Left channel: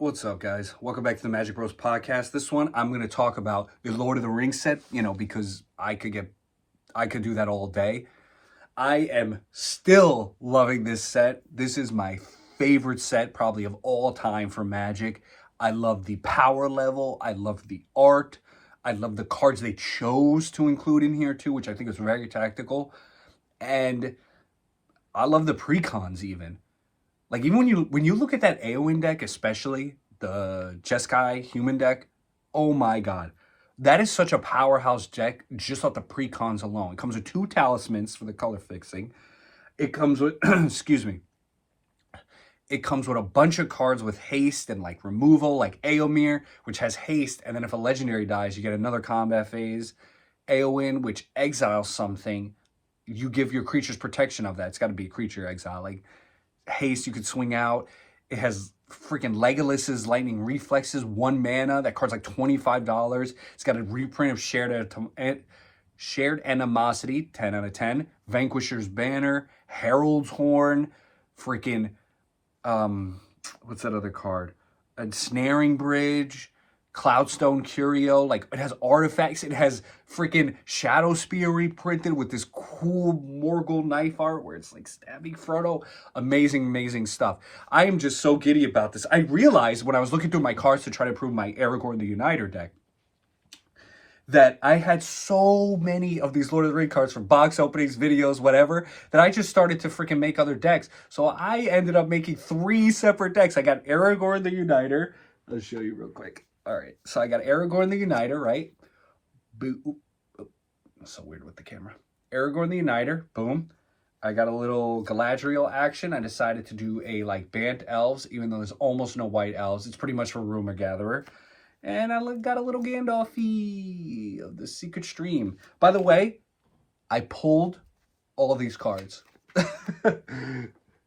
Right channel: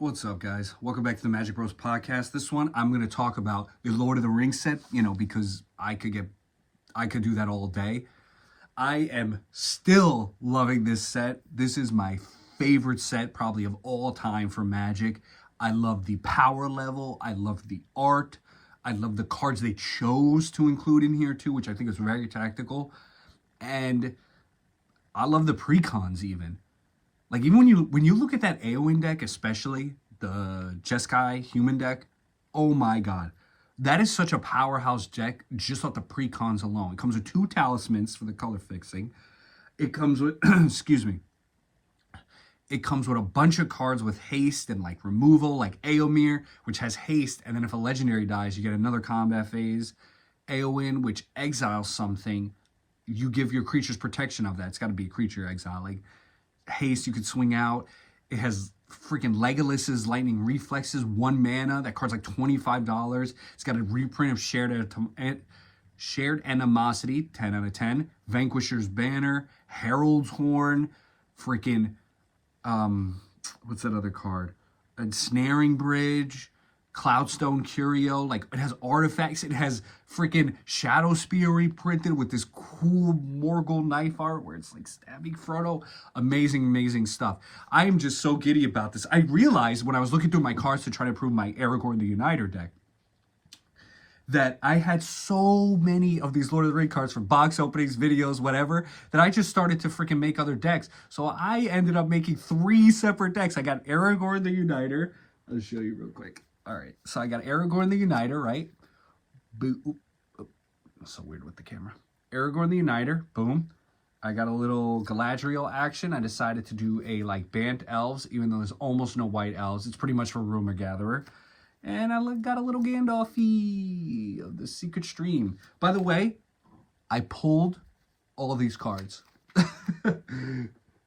What's up, guys? Welcome back to the Magic Bros podcast. This one, I'm going to talk about the Lord of the Rings set, because I could do that all day. I am still loving this set. This is my favorite set probably of all time for Magic. I love the power level. I love the art. I love the cards they chose to include in here too, which I think is very tactical. And I love the precons even. Like even when you look at that Eowyn deck, especially the Jeskai human deck, oh my god. That is such a powerhouse deck just off the precons alone. It comes with 2 talismans for the color fixing. It comes with excuse me. It comes with a bunch of cards with haste and like removal, like Eomer, which has haste, and then if a legendary dies, you get another combat phase. Eowyn, which exiles something, you give your creatures protection of that. It's got to be a creature exile. Like haste, you could swing out. It has freaking Legolas's lightning reflexes, 1 mana. That card's like $25. It's got a reprint of shared animosity, 10 out of 10. Vanquisher's Banner, Herald's Horn, freaking what's that other card? A Snaring Bridge, Cloudstone Curio. Like it has artifacts. It has freaking Shadow Spear reprinted with this cool Morgul knife art where it's like stabbing Frodo. Amazing stuff. I am just so giddy about this. I realized when I was looking through my cards to try to prove my Aragorn the Uniter deck that I had so many of these Lord of the Rings cards from box openings, videos, whatever, that I just started to freaking make other decks. So I ended up making 3 separate decks. I got Aragorn the Uniter. Let's show you real quick. All right, so I got Aragorn the Uniter, right? Boom. That's so weird with the camera. Aragorn the Uniter, boom. I got a little Galadriel action. I decided to do a like Bant Elves, even though there's almost no white elves. It's pretty much for Rumor Gatherer. And I got a little Gandalf-y of the Secret Stream. By the way, I pulled all of these cards.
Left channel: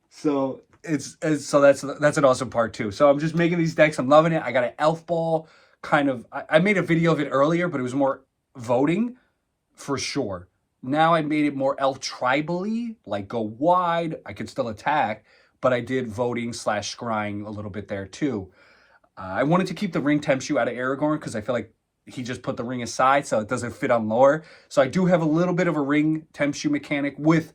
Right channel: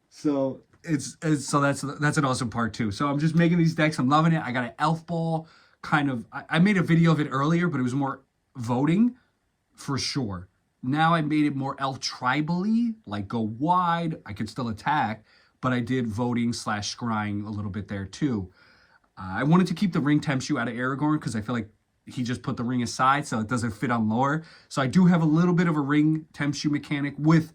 So that's an awesome part too. So I'm just making these decks. I'm loving it. I got an Elf Ball kind of. I made a video of it earlier, but it was more voting for sure. Now I made it more elf tribally, like go wide. I could still attack, but I did voting / scrying a little bit there too. I wanted to keep the ring Tenchu out of Aragorn because I feel like he just put the ring aside, so it doesn't fit on lore. So I do have a little bit of a ring Tenchu mechanic with,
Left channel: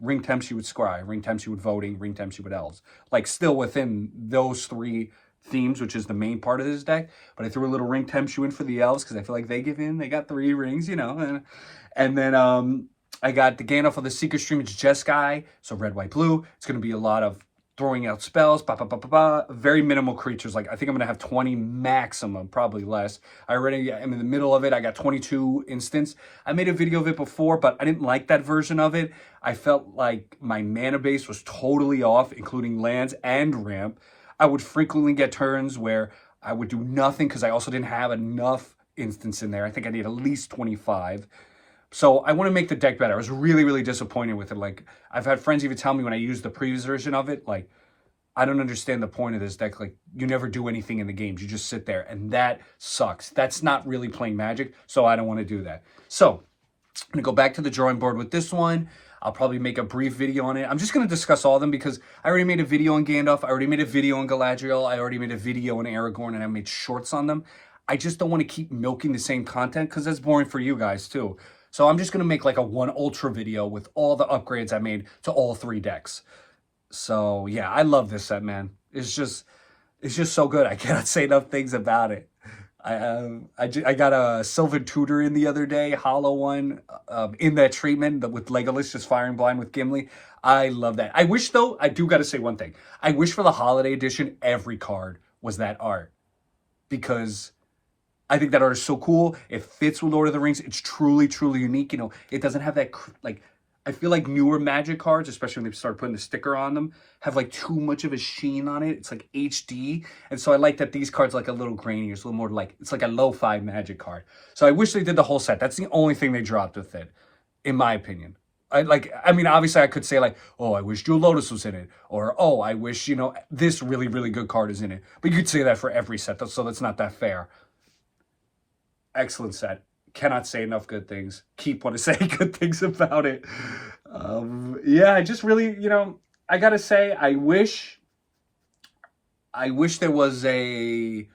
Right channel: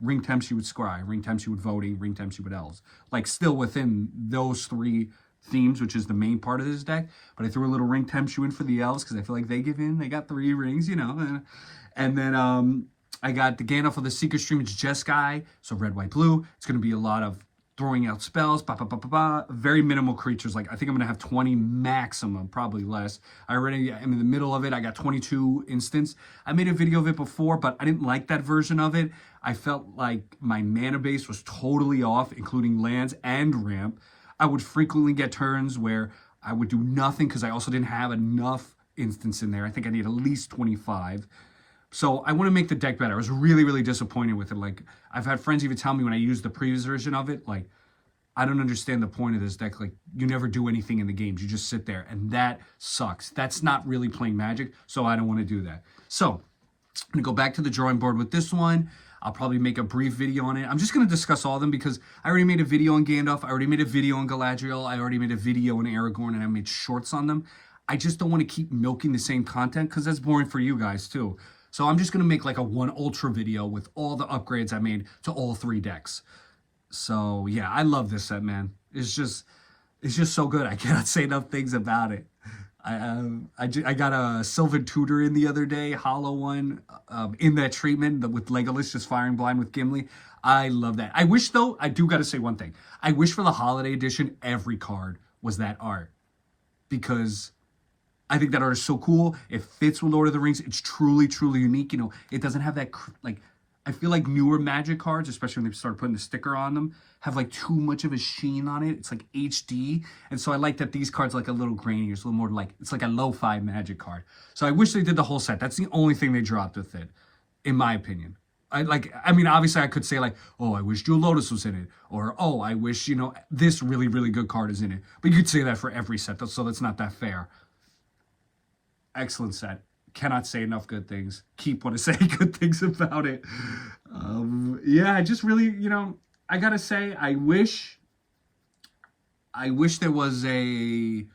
ring Tenchu with scry, ring Tenchu with voting, ring Tenchu with elves. Like still within those 3 themes, which is the main part of this deck. But I threw a little ring Tenchu in for the elves because I feel like they give in. They got 3 rings, And then I got the Gandalf of the Secret Stream. It's Jeskai, so red, white, blue. It's going to be a lot of throwing out spells, very minimal creatures. Like I think I'm gonna have 20 maximum, probably less. I already am in the middle of it. I got 22 instants. I made a video of it before, but I didn't like that version of it. I felt like my mana base was totally off, including lands and ramp. I would frequently get turns where I would do nothing because I also didn't have enough instants in there. I think I need at least 25. So I want to make the deck better. I was really disappointed with it. Like I've had friends even tell me when I used the previous version of it, like, I don't understand the point of this deck. Like you never do anything in the games. You just sit there and that sucks. That's not really playing Magic. So I don't want to do that. So I'm going to go back to the drawing board with this one. I'll probably make a brief video on it. I'm just going to discuss all of them because I already made a video on Gandalf. I already made a video on Galadriel. I already made a video on Aragorn and I made shorts on them. I just don't want to keep milking the same content because that's boring for you guys too. So I'm just going to make like a 1 ultra video with all the upgrades I made to all 3 decks. So yeah, I love this set, man. It's just so good. I cannot say enough things about it. I got a Sylvan Tutor in the other day, hollow one, in that treatment with Legolas just firing blind with Gimli. I love that. I wish though, I do got to say one thing. I wish for the holiday edition, every card was that art because I think that art is so cool. It fits with Lord of the Rings. It's truly unique. It doesn't have that, like, I feel like newer Magic cards, especially when they start putting the sticker on them, have like too much of a sheen on it. It's like HD. And so I like that these cards are like a little grainier. It's a little more like, it's like a lo-fi Magic card. So I wish they did the whole set. That's the only thing they dropped with it, in my opinion. I mean, obviously I could say like, oh, I wish Jewel Lotus was in it. Or, oh, I wish, this really good card is in it. But you could say that for every set, so that's not that fair. Excellent set. Cannot say enough good things. Keep want to say good things about it. Yeah, I just really, I gotta say, I wish I wish there was a,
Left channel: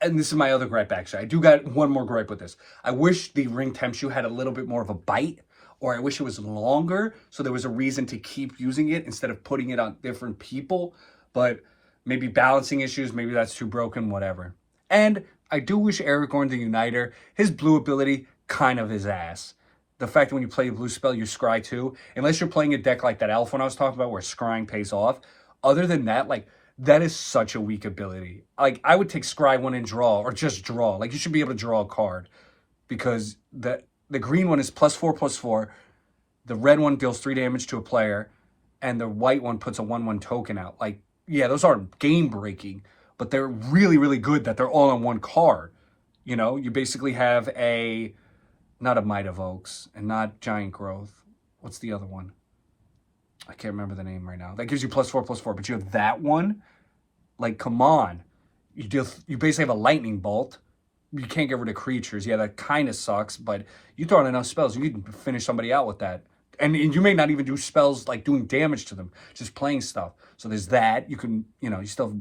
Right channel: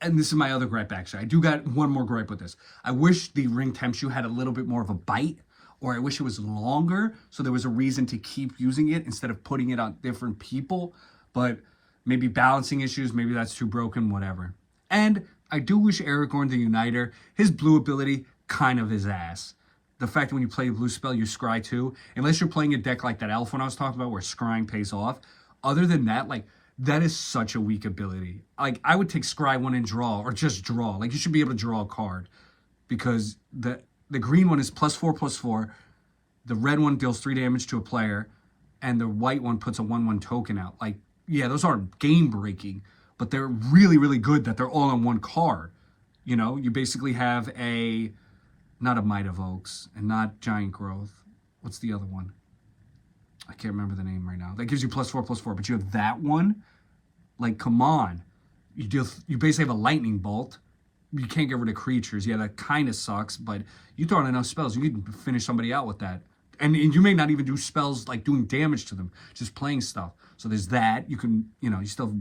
and this is my other gripe actually. I do got one more gripe with this. I wish the ring temp shoe had a little bit more of a bite, or I wish it was longer so there was a reason to keep using it instead of putting it on different people. But maybe balancing issues, maybe that's too broken, whatever. And I do wish Aragorn the Uniter, his blue ability, kind of his ass. The fact that when you play a blue spell, you scry too, unless you're playing a deck like that elf one I was talking about where scrying pays off. Other than that, like, that is such a weak ability. Like, I would take scry one and draw, or just draw. Like, you should be able to draw a card. Because the green one is +4/+4. The red one deals 3 damage to a player. And the white one puts a 1/1 token out. Like, yeah, those aren't game breaking, but they're really, really good that they're all on one card. You know, you basically have a, not a Might of Oaks and not Giant Growth. What's the other one? I can't remember the name right now. That gives you +4/+4, but you have that one. Like, come on. You basically have a lightning bolt. You can't get rid of creatures. Yeah, that kind of sucks, but you throw in enough spells, you can finish somebody out with that. And you may not even do spells like doing damage to them, just playing stuff. So there's that. You can, you still have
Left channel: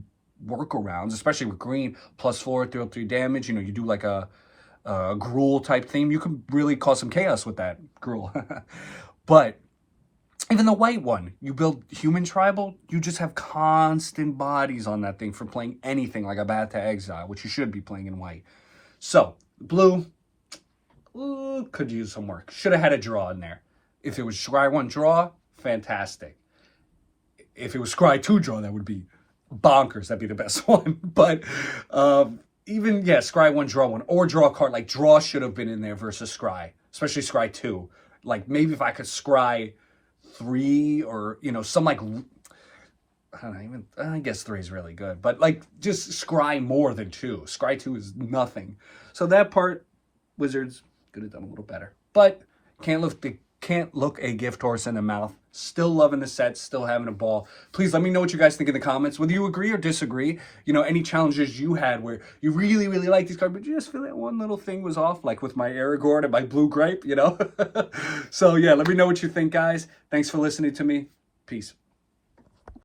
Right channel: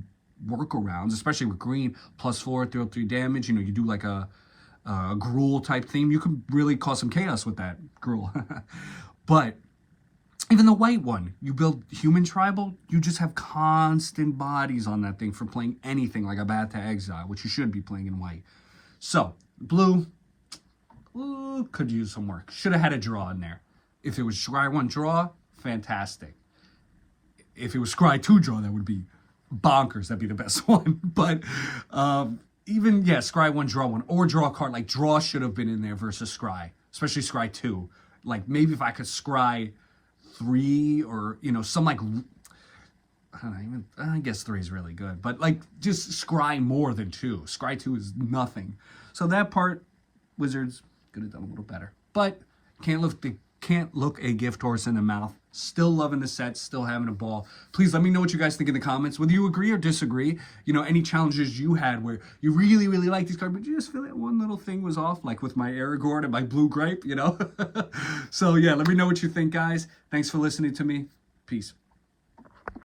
workarounds, especially with green, +4, deal 3 damage. You do like a Gruul type theme. You can really cause some chaos with that Gruul. But even the white one, you build human tribal, you just have constant bodies on that thing for playing anything like a Bath to Exile, which you should be playing in white. So, blue, could use some work. Should have had a draw in there. If it was Scry 1 draw, fantastic. If it was Scry 2 draw, that would be bonkers. That'd be the best one. But even, yeah, Scry 1 draw 1, or draw a card. Like, draw should have been in there versus Scry, especially Scry 2. Like, maybe if I could Scry 3 or, some like, I don't know, even, I guess 3 is really good. But, like, just Scry more than 2. Scry 2 is nothing. So that part, Wizards could have done a little better. But can't look a gift horse in the mouth. Still loving the set, still having a ball. Please let me know what you guys think in the comments, whether you agree or disagree. Any challenges you had where you really, really like these cards, but you just feel that one little thing was off, like with my Aragorn and my blue gripe, So yeah, let me know what you think, guys. Thanks for listening to me. Peace.